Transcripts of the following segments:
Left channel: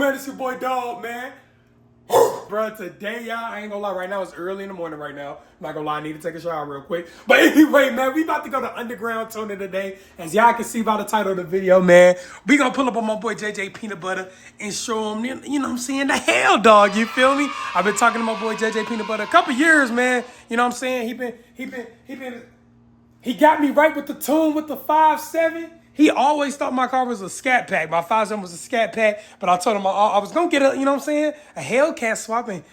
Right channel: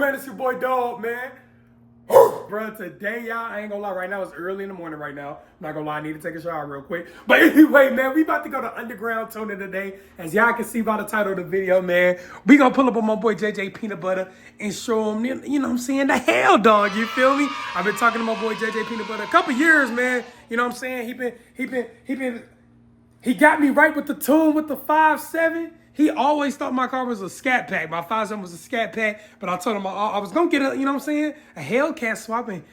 man? It's your boy Dog, man. Bro, today, y'all, I ain't gonna lie, right now it's early in the morning right now. I'm not gonna lie, I need to take a shower real quick. But anyway, man, we about to go to underground tuning today. As y'all can see by the title of the video, man, we gonna pull up on my boy JJ Peanut Butter and show him, you know what I'm saying, the hell dog, you feel me? I've been talking to my boy JJ Peanut Butter a couple years, man. You know what I'm saying? He got me right with the tune with the 5.7. He always thought my car was a SCAT pack. My 5.7 was a SCAT pack, but I told him I was gonna get a, you know what I'm saying, a HELLCAT swap and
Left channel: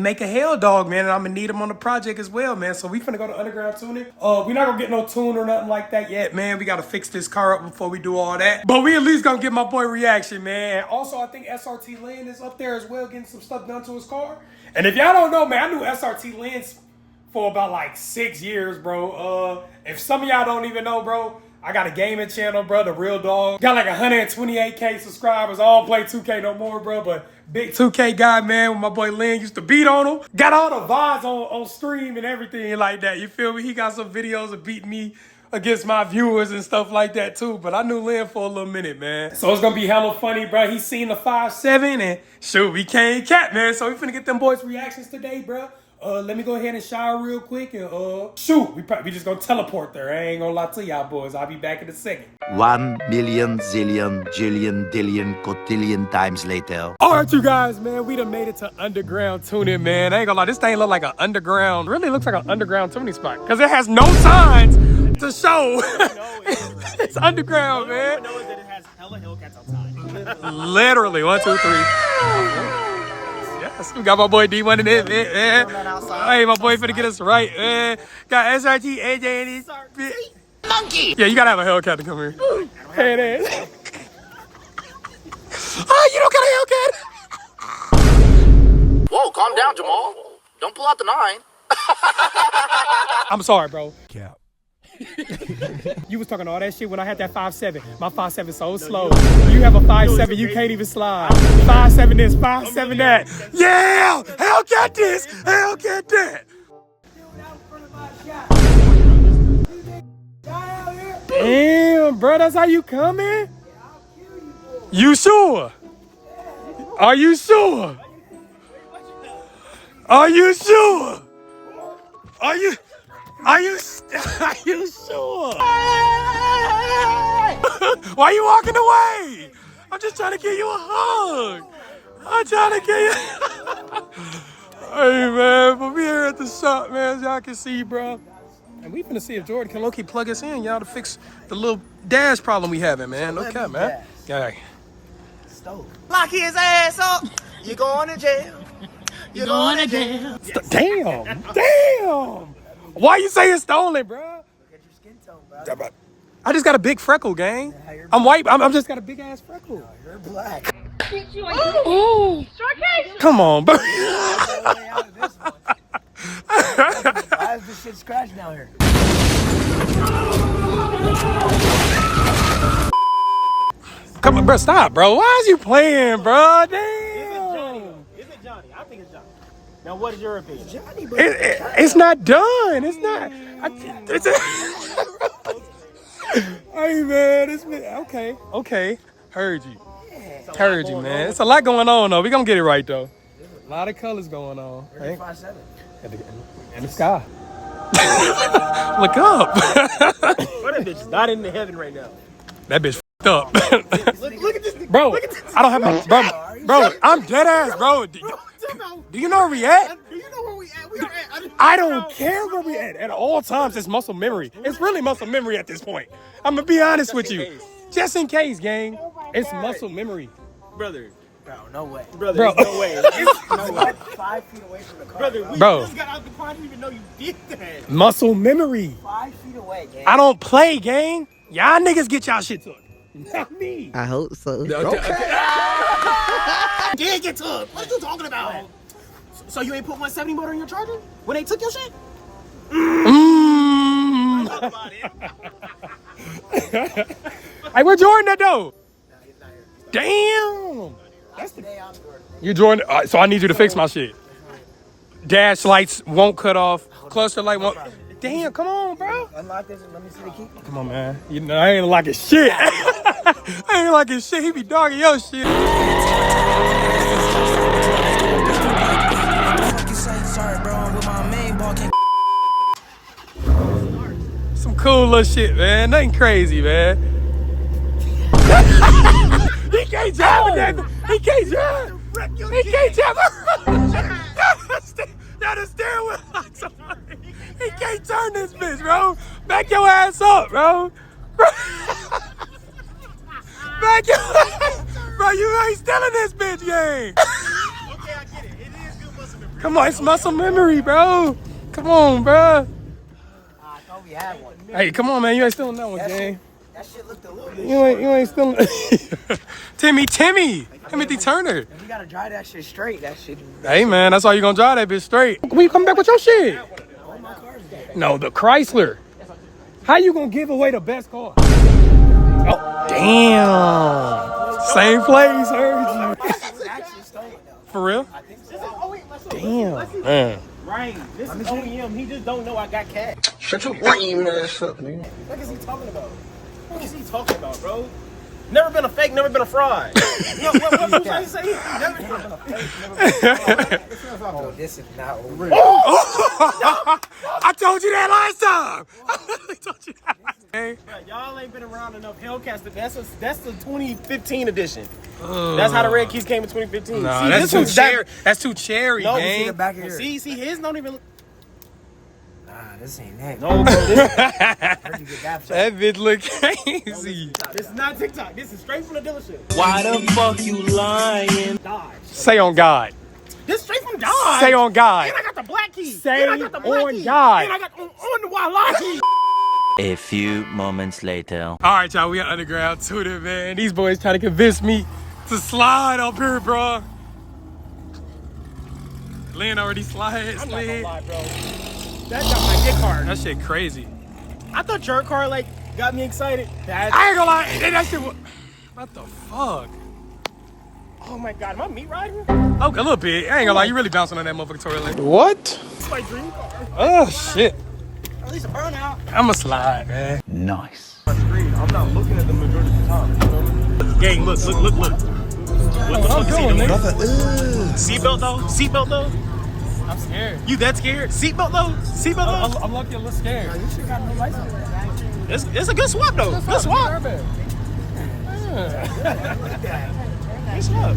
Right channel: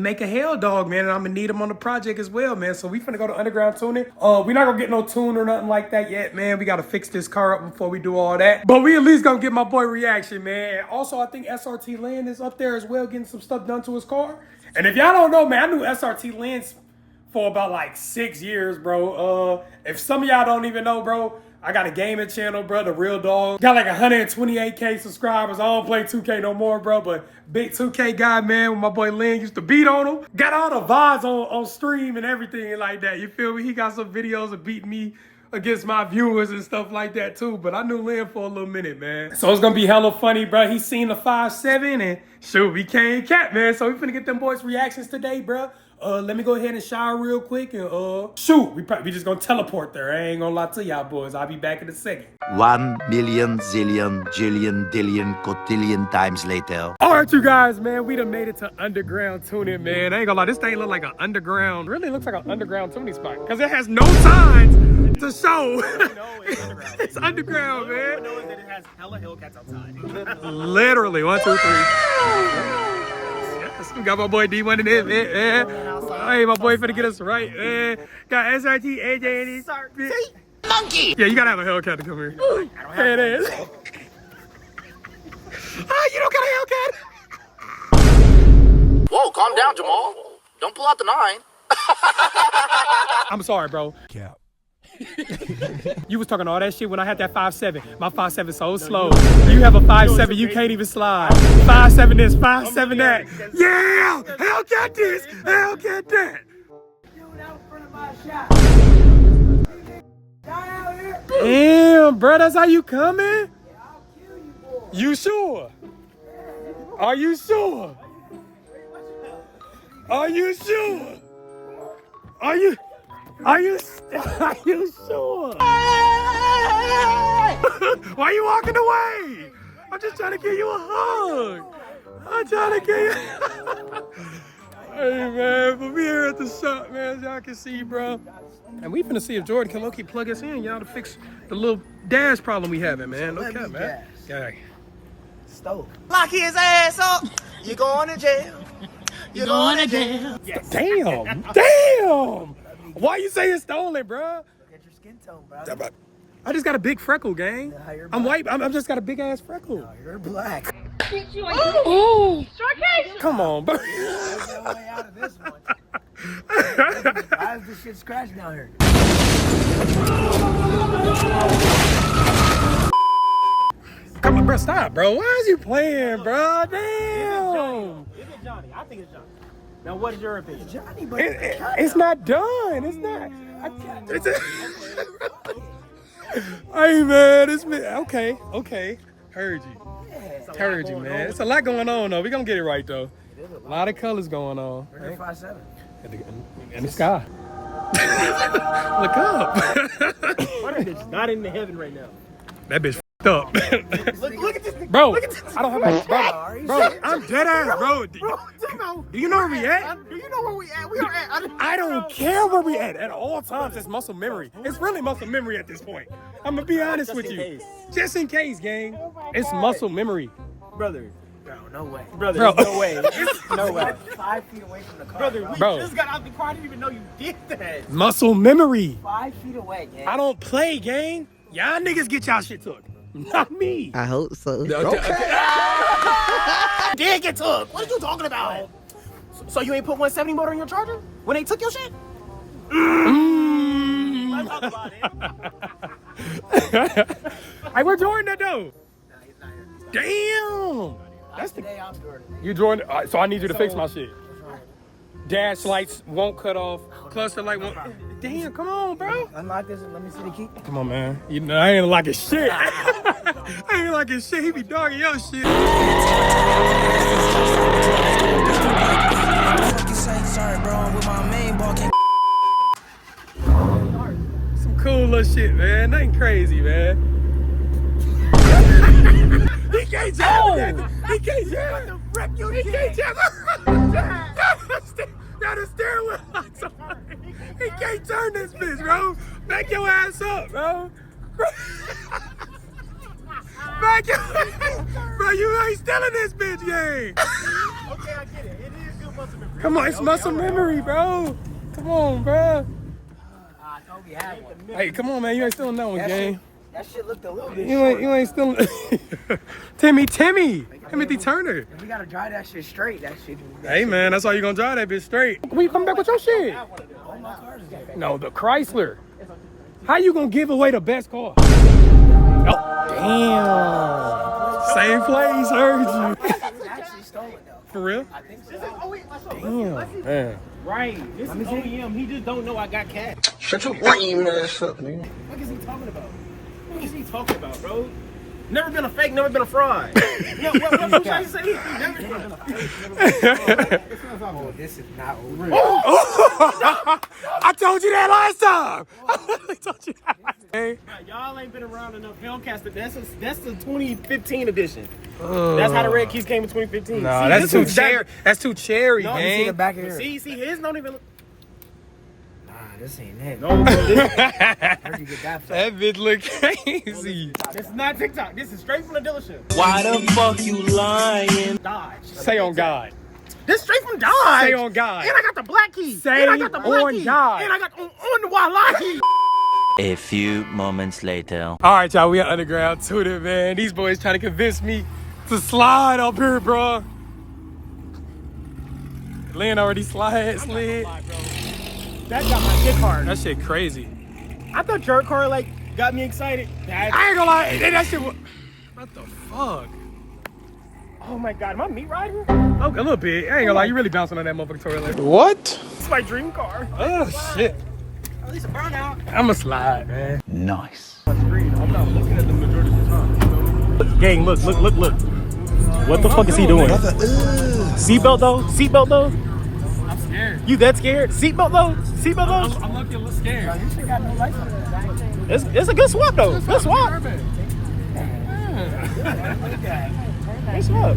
make a Hell dog, man. And I'm gonna need him on the project as well, man. So we finna go to underground tuning. We're not gonna get no tune or nothing like that yet, man. We gotta fix this car up before we do all that. But we at least gonna get my boy reaction, man. And also, I think SRT LEN is up there as well, getting some stuff done to his car. And if y'all don't know, man, I knew SRT LEN for about like 6 years, bro. If some of y'all don't even know, bro, I got a gaming channel, bro, The Real Dog. Got like 128K subscribers. I don't play 2K no more, bro, but big 2K guy, man, when my boy Lynn used to beat on him. Got all the VODs on stream and everything like that, you feel me? He got some videos of beating me against my viewers and stuff like that too, but I knew Lynn for a little minute, man. So it's gonna be hella funny, bro. He seen the 5.7 and shoot, we can't cap, man. So we finna get them boys' reactions today, bro. Let me go ahead and shower real quick and shoot, we just gonna teleport there. I ain't gonna lie to y'all boys. I'll be back in a second. 1 million zillion jillion dillion cotillion times later. All right, you guys, man, we done made it to underground tuning, man. I ain't gonna lie, this thing look like an underground, really looks like an underground tuning spot because it has no signs to show. It's underground, man. It has hella Hellcats outside. Literally, 1, 2, 3. We got my boy D1 in it, man. Hey, my boy finna get us right, man. Got SRT, AJ, and he's monkey. Yeah, you gotta have a Hellcat to come here. Here it is. Oh, you don't got a Hellcat? Whoa, calm down, Jamal. Don't pull out the 9. I'm sorry, bro. Cap. You was talking all that shit when I had that 5.7. My 5.7 so slow. You have a 5.7, you can't even slide. 5.7 this, 5.7 that. Yeah! HELLCAT this, HELLCAT that. Damn, bro, that's how you coming? You sure? Are you sure? Are you sure? Are you sure? Why you walking away? I'm just trying to give you a hug. I'm trying to give you. Hey, man, but we here at the shop, man, as y'all can see, bro. And we finna see if Jordan can low-key plug us in, y'all, to fix the little dash problem we having, man. No cap, man. Yeah. Stove. Lock his ass up. You going to jail. You going to jail. Damn. Damn. Why you say it's stolen, bro? Get your skin tone, bro. I just got a big freckle, gang. Yeah, I'm white. I'm just got a big ass freckle. No, you're black. Ooh. Come on, bro. There's no way out of this one. Why is this shit scratched down here? Come on, bro. Stop, bro. Why is you playing, bro? Damn. Is it Johnny? I think it's Johnny. Now, what is your opinion? It's Johnny, but It's not done. It's not. Hey, man. It's been, okay. Heard you. Heard you, man. It's a lot going on, though. We gonna get it right, though. A lot of colors going on. where's your 5.7? In the sky. Look up. What that bitch is not in the heaven right now. That bitch f***ed up. Look at this. Bro, Look at this. I don't have my... Bro, I'm dead ass, bro. Do you know where we at? Do you know where we at? We are at. I don't care where we at all times. It's muscle memory. It's really muscle memory at this point. I'm gonna be honest with you. Just in case, gang. It's muscle memory. Brother. Bro, no way. Bro. No way. No way. 5 feet away from the car. Brother, we just got out the car. I didn't even know you did that. Muscle memory. 5 feet away, gang. I don't play, gang. Y'all niggas get y'all shit took. Not me. I hope so. Okay. Did get took. What are you talking about? So you ain't put 170 motor in your Charger when they took your shit? Hey, where Jordan at though? Nah, he's not here. Damn. That's the. You Jordan. So I need you to fix my shit. Dash lights won't cut off. Cluster light won't. Damn, come on, bro. Unlock this. Let me see the key. Come on, man. You know I ain't locking shit. I ain't locking shit. He be dogging your shit. Fuck you say, sorry, bro. I'm with my main ball. Can't Some cool little shit, man. Nothing crazy, man. He can't jump. He can't jump. He can't jump. Now the steering wheel locks on. He can't turn this bitch, bro. Back your ass up, bro. Back your ass. Bro, you ain't stealing this bitch game. Okay, I get it. It is good muscle memory. Come on, it's muscle memory, bro. Come on, bro. I thought we had one. Hey, come on, man. You ain't stealing that one, gang. That shit looked a little bit. You ain't stealing. Timmy Timothy Turner. We gotta drive that shit straight. That shit. Hey, man, that's why you gonna drive that bitch straight. When you come back with your shit? All my cars is good. No, the Chrysler. How you gonna give away the best car? Oh, damn. Same place, heard you. Actually stolen though. For real? I think so. Damn, man. Right, this is OEM. He just don't know I got cash. Shut your lame ass up, nigga. What is he talking about? What is he talking about, bro? Never been a fake, never been a fraud. No, what trying to say? Never been a fake. Oh, this is not over. I told you that last time. I told you that last time. Right, y'all ain't been around enough. HELLCAT, that's the 2015 edition. That's how the red keys came in 2015. No, See, that's this too one's cherry. That's too cherry, No, See the gang. back of here. See, his don't even look. Nah, this ain't it. No, bro, this, Where'd you get that from? That bitch look crazy. this is not TikTok. This is straight from the dealership. Why the fuck you lying? Dodge. Say on God. This is straight from Dodge. Say on God. And I got the black key. Say And I got the black on key. God. And I got on the white key. A few moments later. All right, y'all, we at Underground Tuning, man. These boys trying to convince me to slide up here, bro. Lynn already slid. That got my dick hard. That shit crazy. I thought your car like got me excited. I ain't gonna lie, that shit was... What the fuck? Oh my god, am I meat riding? Oh, a little bit. I ain't gonna lie, you really bouncing on that motherfucking toilet. What? It's my dream car. Oh, shit. At least a burnout. I'ma slide, man. Nice. I'm not looking at the majority of the time. Gang, look. What the fuck is he doing? Seatbelt though? Seatbelt though? I'm scared. You that scared? Seatbelt though? Seatbelt though? I'm lucky a little scared. You should got no lights on that. It's a good swap though. Good swap. Good swap.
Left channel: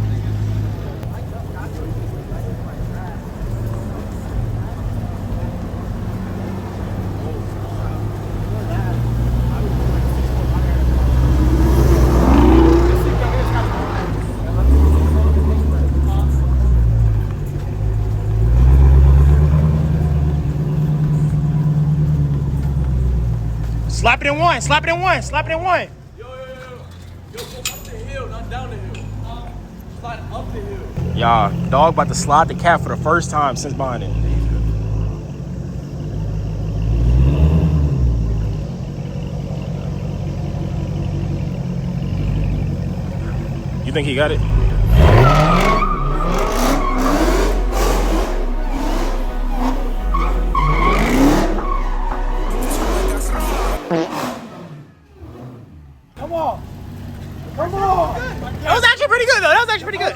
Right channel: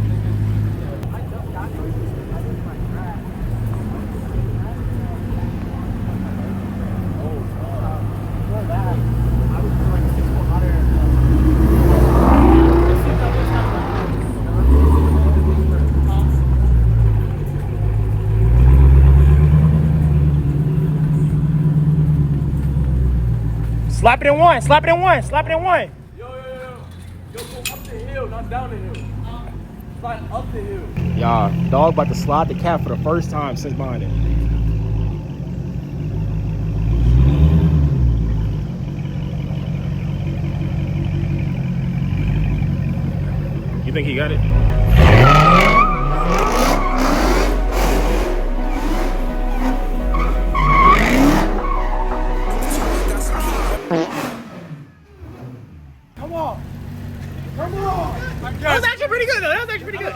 Slap it in one. Slap it in one. Slap it in one. Y'all, dog about to slide the cat for the first time since buying it. You think he got it? That was actually pretty good though. That was actually pretty good.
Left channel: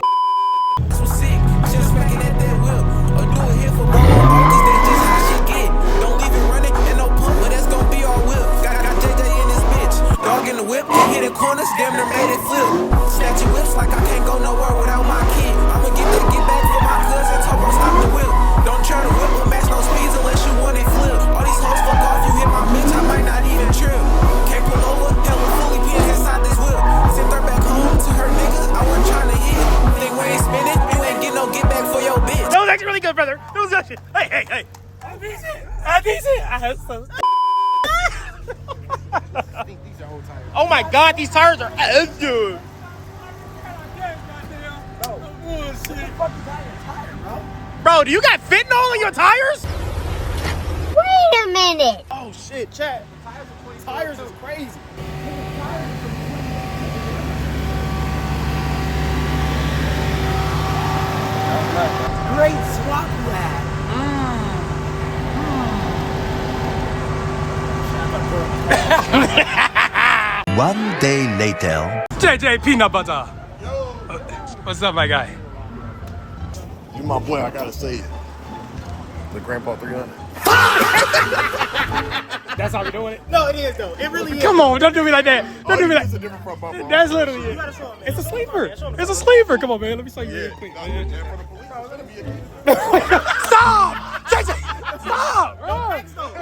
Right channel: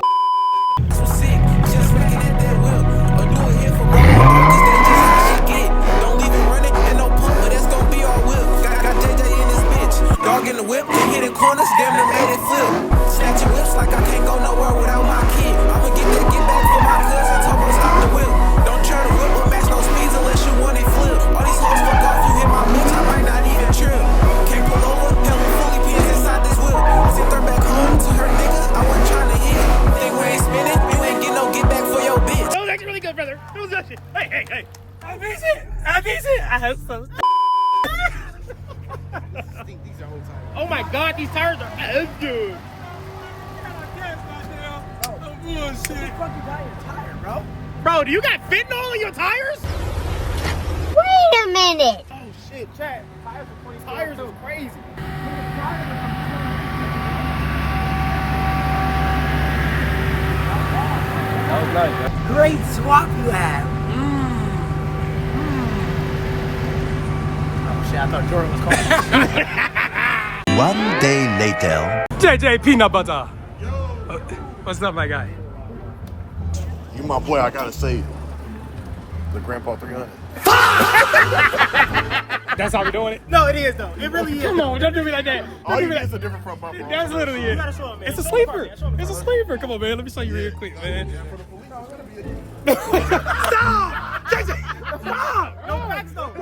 So sick, just smacking at that whip. Or do it here for bro, cause that's just how shit get. Don't leave it running and no pump, but that's gonna be our whip. Got JJ in this bitch. Dog in the whip and hitting corners, damn near made it flip. Snatching whips like I can't go nowhere without my kid. I'ma get back for my cousin, Topo stop the whip. Don't try to whip or match no speeds unless you want it flip. All these hoes fuck off, you hit my bitch, I might not even trip. Can't pull over, hella fully pins inside this whip. Sent her back home to her nigga, I wasn't trying to hit. Think we ain't spinning, you ain't get no get back for your bitch. That was actually really good, brother. That was actually. Hey. I beat it. I have some. Oh my god, these tires are good. Bro, do you got fentanyl in your tires? Wait a minute. Oh shit, chat. Tires is crazy. Great swap you had. Shit, I thought Jordan was calling. One day later. JJ Peanut Butter. What's up, my guy? You my boy, I gotta say it. The Grandpa 300. That's how we doing it? No, it is though. It really is. Come on, don't do me like that. Don't do me like It's a different front bumper. That's literally it. It's a sleeper. It's a sleeper. Come on, man. Let me show you real quick, man. Stop! JJ! Stop!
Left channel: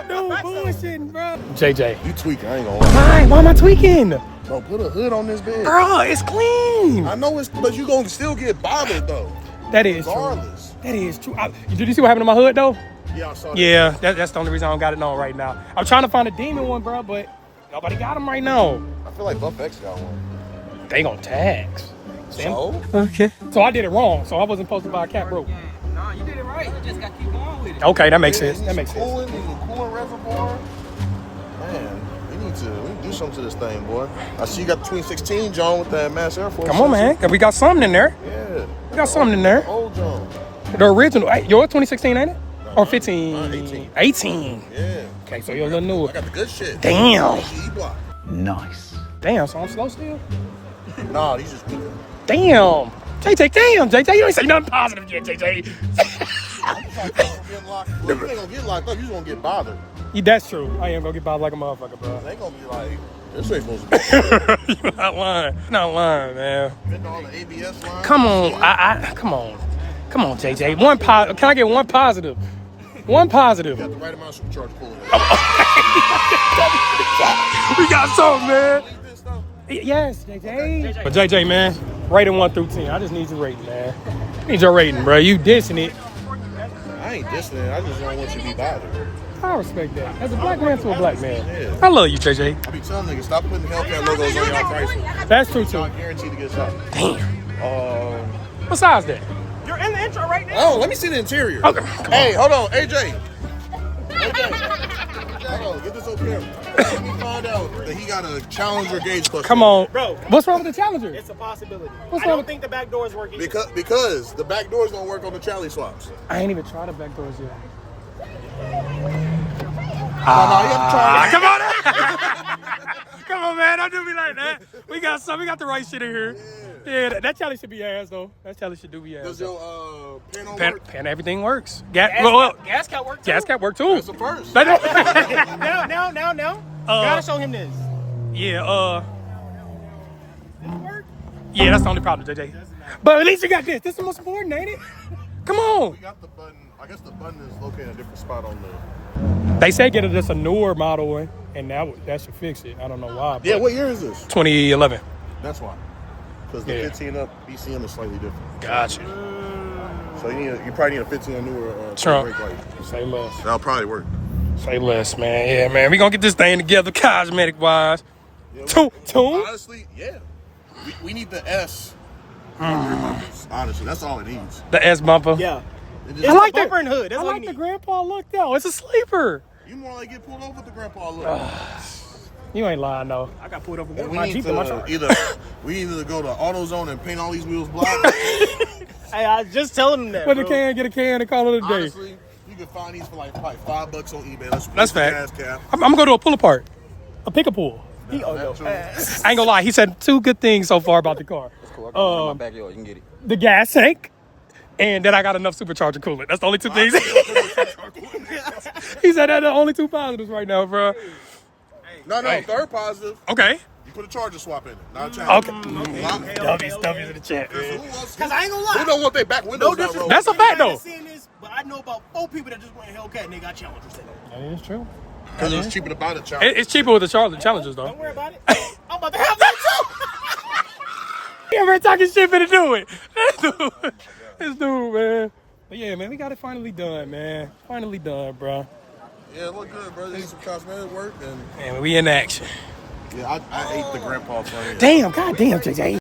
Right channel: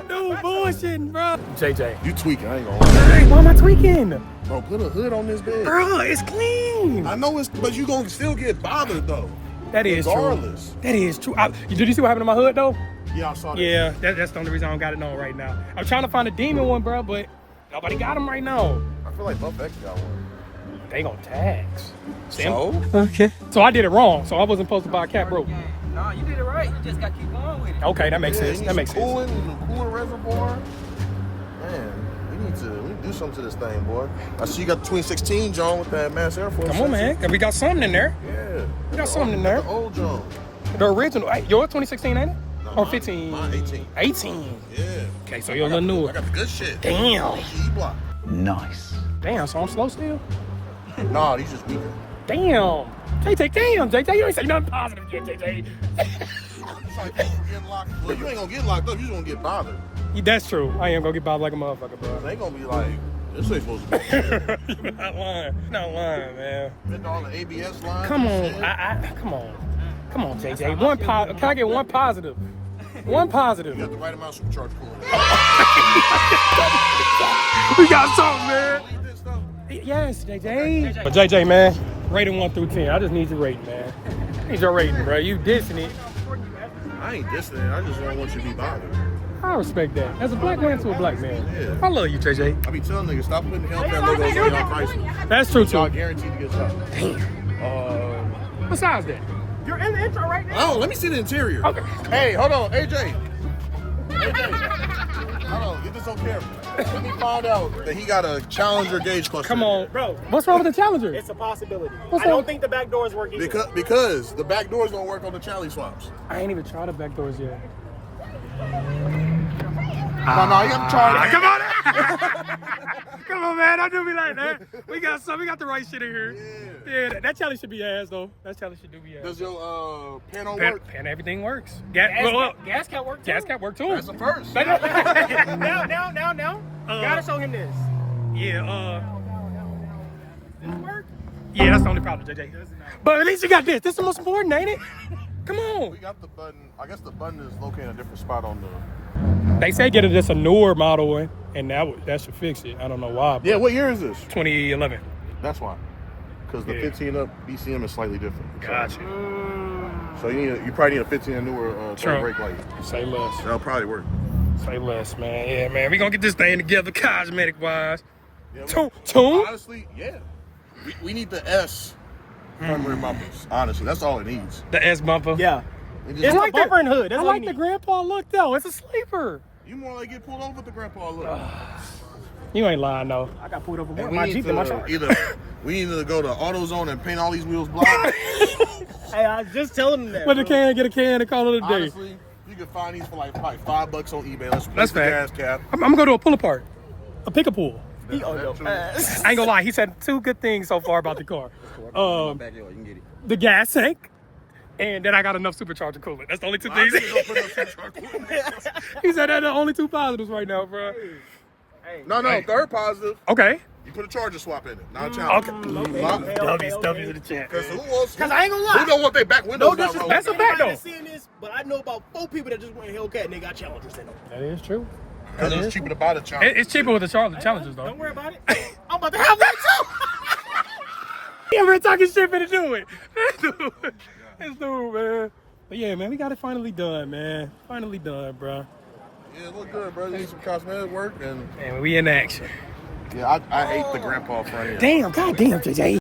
No bullshitting, bro. JJ. You tweaking, I ain't gonna lie. Why am I tweaking? Bro, put a hood on this bed. Bro, it's clean. I know it's, but you gonna still get bothered though. That is Regardless. true. That is true. Did you see what happened to my hood, though? Yeah, I saw that. Yeah, that's the only reason I don't got it on right now. I'm trying to find a demon one, bro, but nobody got them right now. I feel like Buff X got one. They gonna tax. So? Okay. So I did it wrong. So I wasn't supposed to buy a cat broke. No, you did it right. You just gotta keep going with it. Okay, that makes sense. That That makes sense. Cooling, a cooling reservoir. Man, we need to do something to this thing, boy. I see you got the 2016 John with that Mass Air Force. Come on, man. We got something in there. Yeah. We got something in there. The old John. The original. Hey, yours 2016, ain't it? Or 15? Mine 18. 18. Yeah. Okay, so you're a little newer. I got the good shit. Damn. E-block. Nice. Damn, so I'm slow still? Nah, he's just weak. Damn. JJ, damn. JJ, you ain't say nothing positive yet, JJ. Well, you ain't gonna get locked up, you just gonna get bothered. That's true. I am gonna get bothered like a motherfucker, bro. They gonna be like, this ain't supposed to be. You're not lying. Not lying, man. Been all the ABS lines. Come on. Come on. Come on, JJ. One Can I get one positive? One positive. You got the right amount of supercharge pulling. We got something, man. Yes, JJ. But JJ, man, rating 1 through 10. I just need your rating, man. Need your rating, bro. You dissing it. I ain't dissing it. I just don't want you to be bothered. I respect that. As a black man to a black man. Yeah. I love you, JJ. I be telling niggas, stop putting HELLCAT logos on your prices. That's true, So I too. guarantee to get shot. What size that? You're in the intro right now. Oh, let me see the interior. Okay. Hey, hold on, AJ. Hold on, get this on camera. Let me find out that he got a Challenger gauge cluster. Come on. Bro. What's wrong with the Challenger? It's a possibility. What's I wrong? don't think the back doors work either. Because the back doors don't work on the Charlie swaps. I ain't even tried the back doors yet. No, you have to try it. Come on. Come on, man. Don't do me like that. We got some. We got the right shit in here. Yeah, that Charlie should be ass, though. That Charlie should be ass. Does your panel Pan, work? pan, everything works. Gas cat work too. gas cat work too. That's the first. That- No. Gotta show him this. yeah, yeah, that's the only problem, JJ. But at least you got this. This is the most important, ain't it? Come on. We got the button. I guess the button is located in a different spot on the. They say get it just a newer model one, and that should fix it. I don't know why. But Yeah, what year is this? 2011. That's why. Because the Yeah. 15 up BCM is slightly different. Gotcha. So you probably need a 15 and newer Trump. brake light. Say less. That'll probably work. Say less, man. Yeah, man. We gonna get this thing together, cosmetic wise. Yeah, Tune? honestly, yeah. We need the S front rear bumpers. Honestly, that's all it needs. The S bumper. Yeah. I like that. I like the grandpa look though. It's a sleeper. You more like get pulled over with the grandpa look. You ain't lying though. I got pulled over with my Jeep in my truck. We need to go to AutoZone and paint all these wheels black. Hey, I was just telling them that. With a can, get a can, and call it a day. Honestly, you can find these for like probably $5 on eBay. That's the gas fact. cap. I'm gonna go to a pull apart, a pick a pull. He on your ass. I ain't gonna lie. He said 2 good things so far about the car. Backyard, you can get it. The gas tank, and that I got enough supercharger coolant. That's the only 2 things. He said they're the only 2 positives right now, bro. No, third positive. Okay. You put a charger swap in it, not a challenge. Okay. Stubbies in the chat. Because I ain't gonna lie. Who don't want their back windows not rolled? That's a fact though. But I know about 4 people that just went Hellcat and they got Challengers in it. That is true. Because it's cheaper to buy the Challenger. It's cheaper with the Challengers though. Don't worry about it. I'm about to have that too. He ever talking shit for to do it. This dude, man. But yeah, man, we got it finally done, man. Finally done, bro. Yeah, it look good, bro. There's some cosmetic work and Man, we in action. yeah, I ate the grandpa front end. Damn, goddamn, JJ.